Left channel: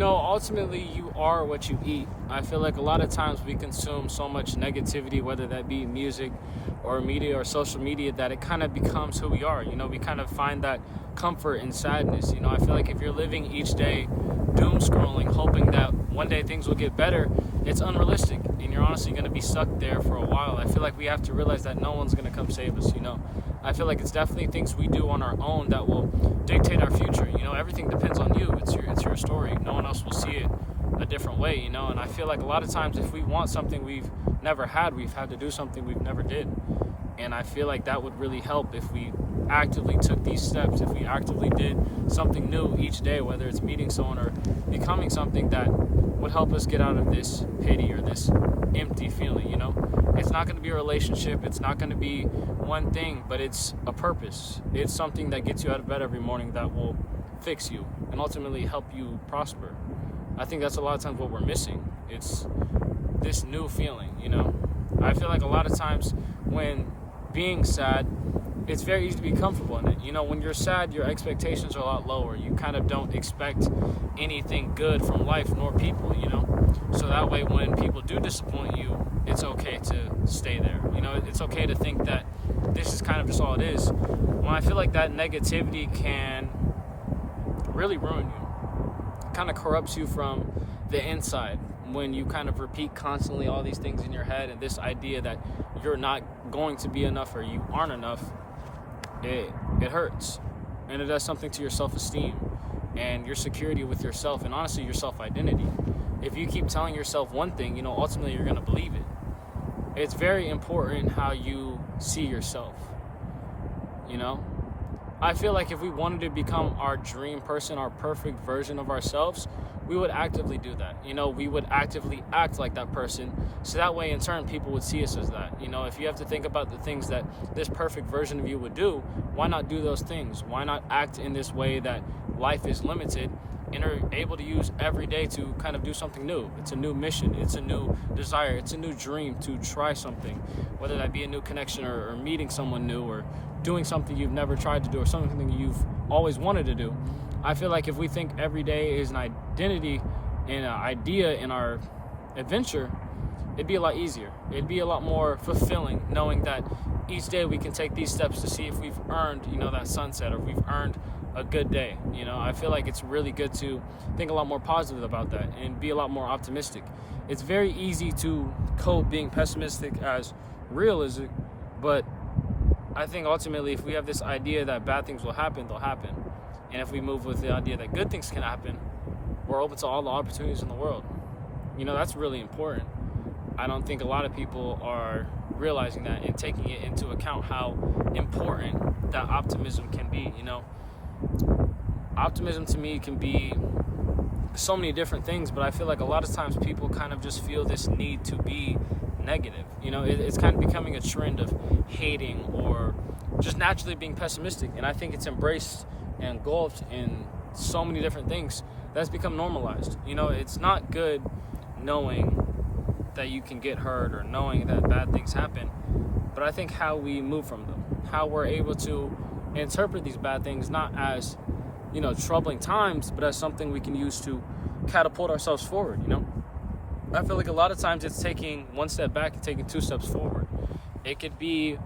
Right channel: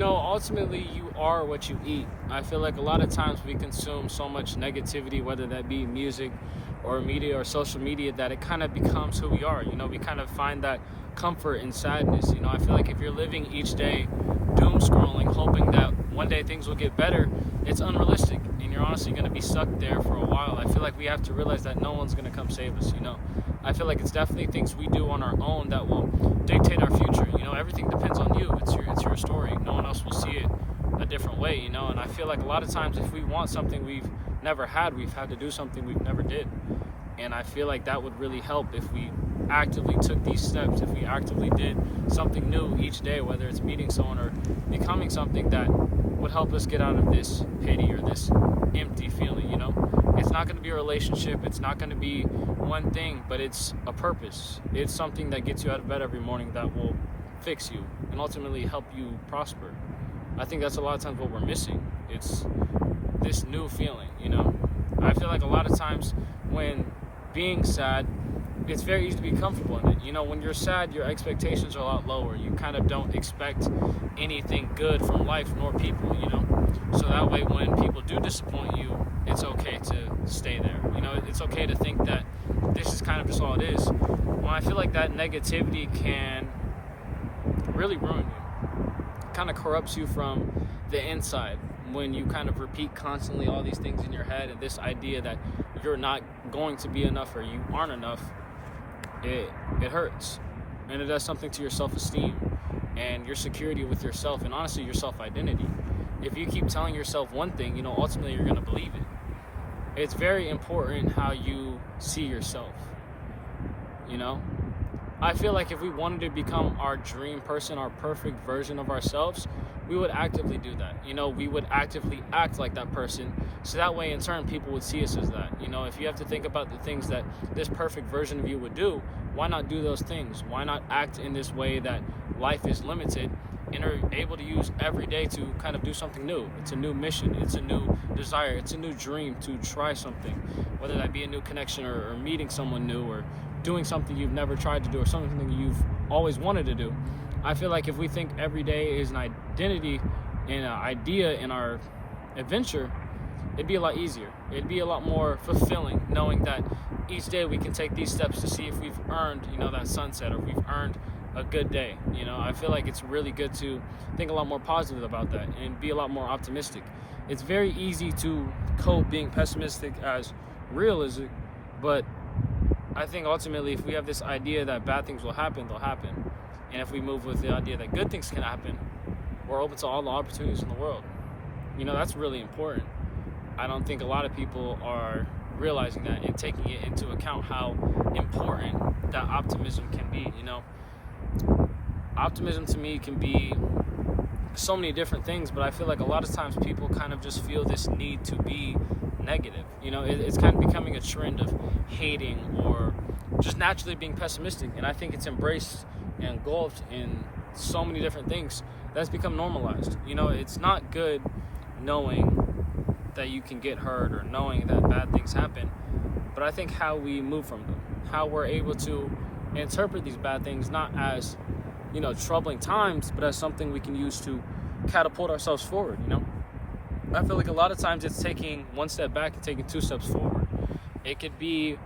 Ultimately, you are what you eat. I feel like a lot of times we consume so much negativity, whether that be music or media or social media, that it kind of becomes who we are. We kind of find that comfort in sadness. I feel like if you're living each day doom scrolling, hoping that one day things will get better, it's unrealistic, and you're honestly going to be stuck there for a while. I feel like we have to realize that no one's going to come save us. I feel like it's definitely things we do on our own that will dictate our future. Everything depends on you. It's your story. No one else will see it a different way. And I feel like a lot of times if we want something we've never had, we've had to do something we've never did. And I feel like that would really help if we actively took these steps, if we actively did something new each day, whether it's meeting someone or becoming something that would help us get out of this pity or this empty feeling. It's not going to be a relationship, it's not going to be one thing, but it's a purpose. It's something that gets you out of bed every morning that will fix you and ultimately help you prosper. I think that's a lot of times what we're missing. It's this new feeling. I feel like a lot of times when being sad, it's very easy to be comfortable in it. When you're sad, your expectations are a lot lower. You kind of don't expect anything good from life nor people, So that way when people do disappoint you, it's okay to stay there. It's okay to think that this is kind of just all it is. When I feel like that negativity can really ruin you. It kind of corrupts you from the inside. When you kind of repeat constantly all these things in your head and this idea that you're not going to be enough or you aren't enough, it hurts, and it does something to your self-esteem and your security with yourself, and honestly your self-identity. If you keep telling yourself one thing, ultimately you're going to believe it. It's very important how you see yourself. I feel like if we wanted to become our dream person, our perfect version of ourselves, we would actively do that. We would actively act like that person, so that way in turn people would see us as that. If you have to think about the things that this perfect version of you would do, why not do those things? Why not act in this way that life is limited and are able to use every day to kind of do something new? It's a new mission, it's a new desire, it's a new dream to try something, whether that be a new connection or meeting someone new or doing something you've never tried to do or something you've always wanted to do. I feel like if we think every day is an identity and an idea in our adventure, it'd be a lot easier. It'd be a lot more fulfilling knowing that each day we can take these steps to see if we've earned, that sunset, or if we've earned a good day. I feel like it's really good to think a lot more positive about that and be a lot more optimistic. It's very easy to cope being pessimistic as realistic, but I think ultimately if we have this idea that bad things will happen, they'll happen. And if we move with the idea that good things can happen, we're open to all the opportunities in the world. That's really important. I don't think a lot of people are realizing that and taking it into account how important that optimism can be. Optimism to me can be so many different things, but I feel like a lot of times people kind of just feel this need to be negative. It's kind of becoming a trend of hating or just naturally being pessimistic, and I think it's embraced and engulfed in so many different things that's become normalized. It's not good knowing that you can get hurt or knowing that bad things happen, but I think how we move from them, how we're able to interpret these bad things not as troubling times, but as something we can use to catapult ourselves forward. I feel like a lot of times it's taking one step back and taking two steps forward. It could be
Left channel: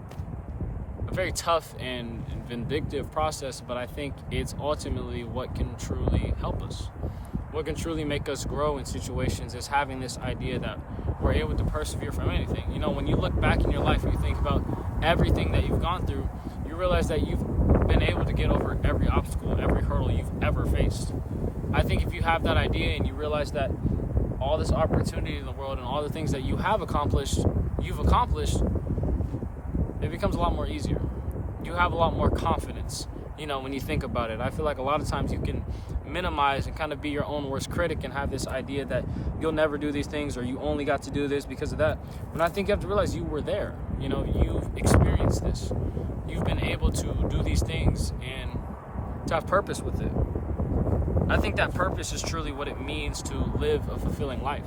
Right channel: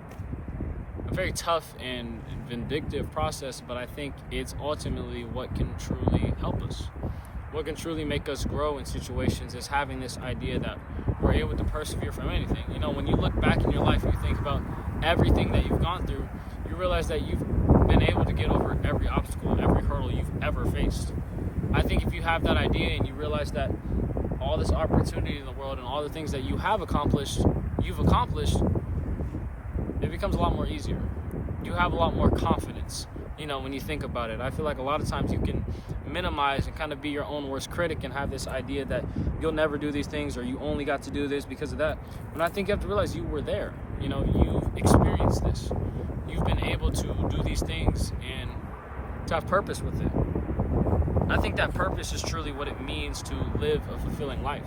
a very tough and vindictive process, but I think it's ultimately what can truly help us. What can truly make us grow in situations is having this idea that we're able to persevere from anything. When you look back in your life and you think about everything that you've gone through, you realize that you've been able to get over every obstacle, every hurdle you've ever faced. I think if you have that idea and you realize that all this opportunity in the world and all the things that you have accomplished, it becomes a lot more easier. You have a lot more confidence, when you think about it. I feel like a lot of times you can minimize and kind of be your own worst critic and have this idea that you'll never do these things or you only got to do this because of that. But I think you have to realize you were there. You've experienced this. You've been able to do these things and to have purpose with it. I think that purpose is truly what it means to live a fulfilling life.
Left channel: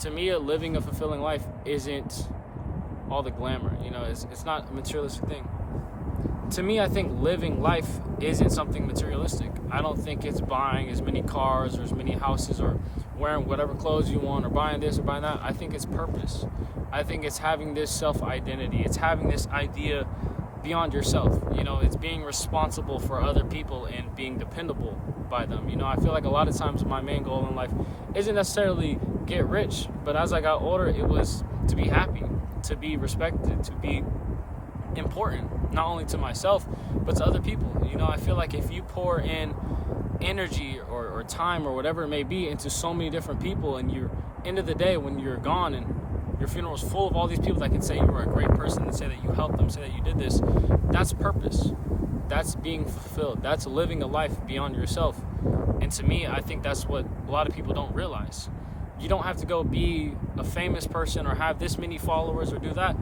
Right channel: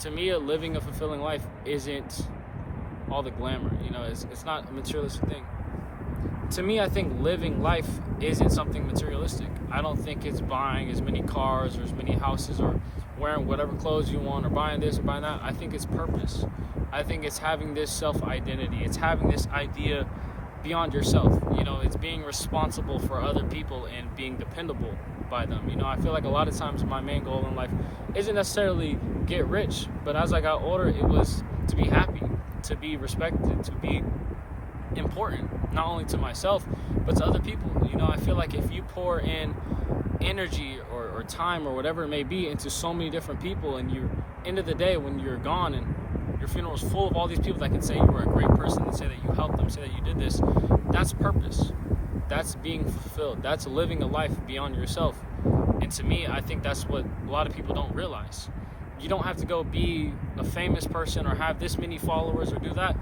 To me, living a fulfilling life isn't all the glamour. It's not a materialistic thing. to me, I think living life isn't something materialistic. I don't think it's buying as many cars or as many houses or wearing whatever clothes you want or buying this or buying that. I think it's purpose. I think it's having this self-identity. It's having this idea beyond yourself. It's being responsible for other people and being dependable by them. I feel like a lot of times my main goal in life isn't necessarily get rich, but as I got older, it was to be happy, to be respected, to be important, not only to myself, but to other people. I feel like if you pour in energy or time or whatever it may be into so many different people, and you're end of the day when you're gone and your funeral is full of all these people that can say you were a great person and say that you helped them, say that you did this, that's purpose. That's being fulfilled. That's living a life beyond yourself. And to me, I think that's what a lot of people don't realize. You don't have to go be a famous person or have this many followers or do that.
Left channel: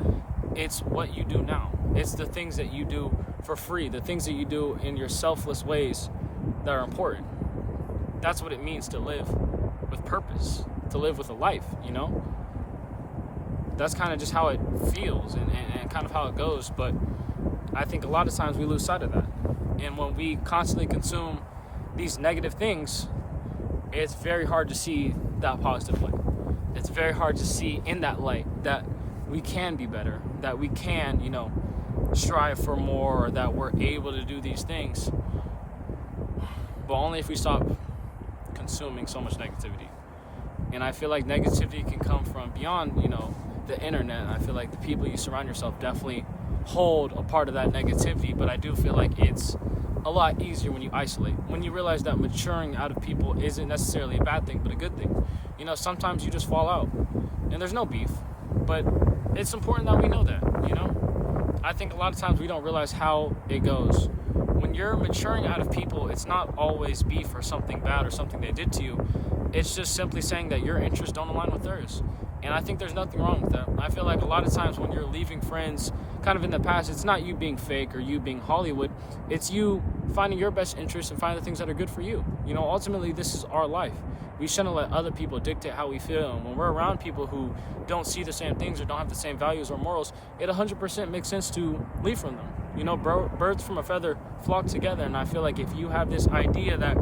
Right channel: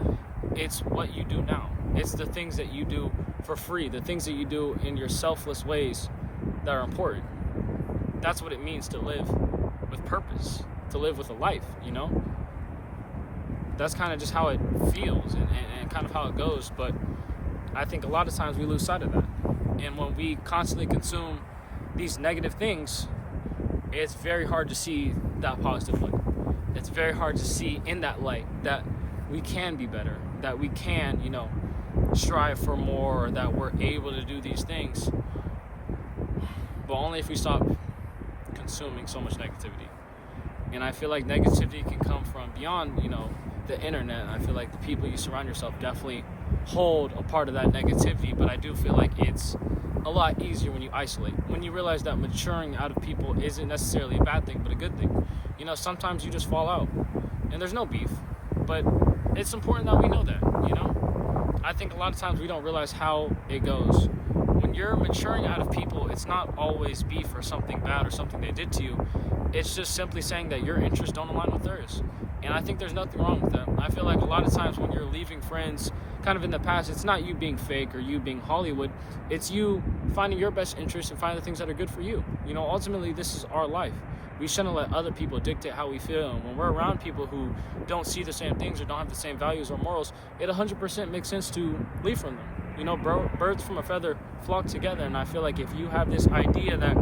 It's what you do now. It's the things that you do for free, the things that you do in your selfless ways that are important. That's what it means to live with purpose, to live with a life, That's kind of just how it feels and kind of how it goes. But I think a lot of times we lose sight of that. And when we constantly consume these negative things, it's very hard to see that positive light. It's very hard to see in that light that we can be better, that we can, strive for more, or that we're able to do these things. But only if we stop consuming so much negativity. And I feel like negativity can come from beyond, the internet. I feel like the people you surround yourself definitely hold a part of that negativity, but I do feel like it's a lot easier when you isolate, when you realize that maturing out of people isn't necessarily a bad thing, but a good thing. Sometimes you just fall out and there's no beef, but it's important that we know that, I think a lot of times we don't realize how it goes. When you're maturing out of people, it's not always beef or something bad or something they did to you. It's just simply saying that your interests don't align with theirs. And I think there's nothing wrong with that. I feel like a lot of times when you're leaving friends kind of in the past, it's not you being fake or you being Hollywood. It's you finding your best interests and finding the things that are good for you. Ultimately, this is our life. We shouldn't let other people dictate how we feel. And when we're around people who don't see the same things or don't have the same values or morals, it 100% makes sense to leave from them. Birds from a feather flock together. And I feel like if you have this idea that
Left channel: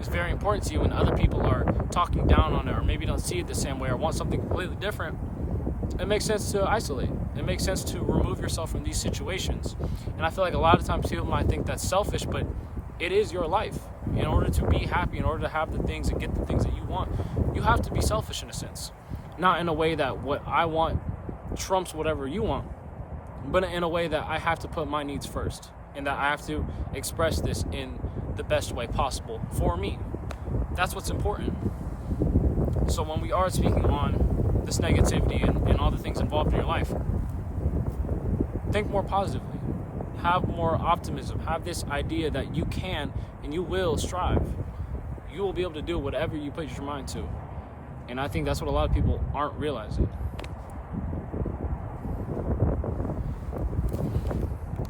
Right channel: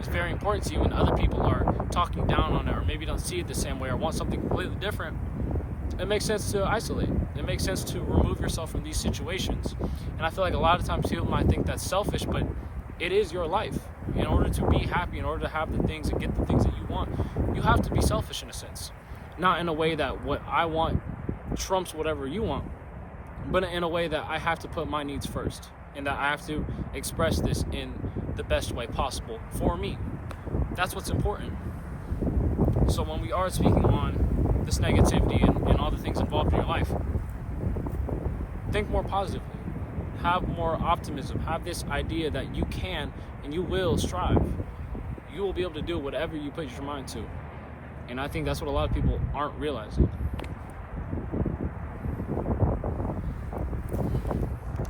is very important to you and other people are talking down on it or maybe don't see it the same way or want something completely different, it makes sense to isolate. It makes sense to remove yourself from these situations. And I feel like a lot of times people might think that's selfish, but it is your life. In order to be happy, in order to have the things and get the things that you want, you have to be selfish in a sense. Not in a way that what I want trumps whatever you want, but in a way that I have to put my needs first and that I have to express this in the best way possible for me. That's what's important. So when we are speaking on this negativity and all the things involved in your life, think more positively. Have more optimism. Have this idea that you can and you will strive. You will be able to do whatever you put your mind to. And I think that's what a lot of people aren't realizing.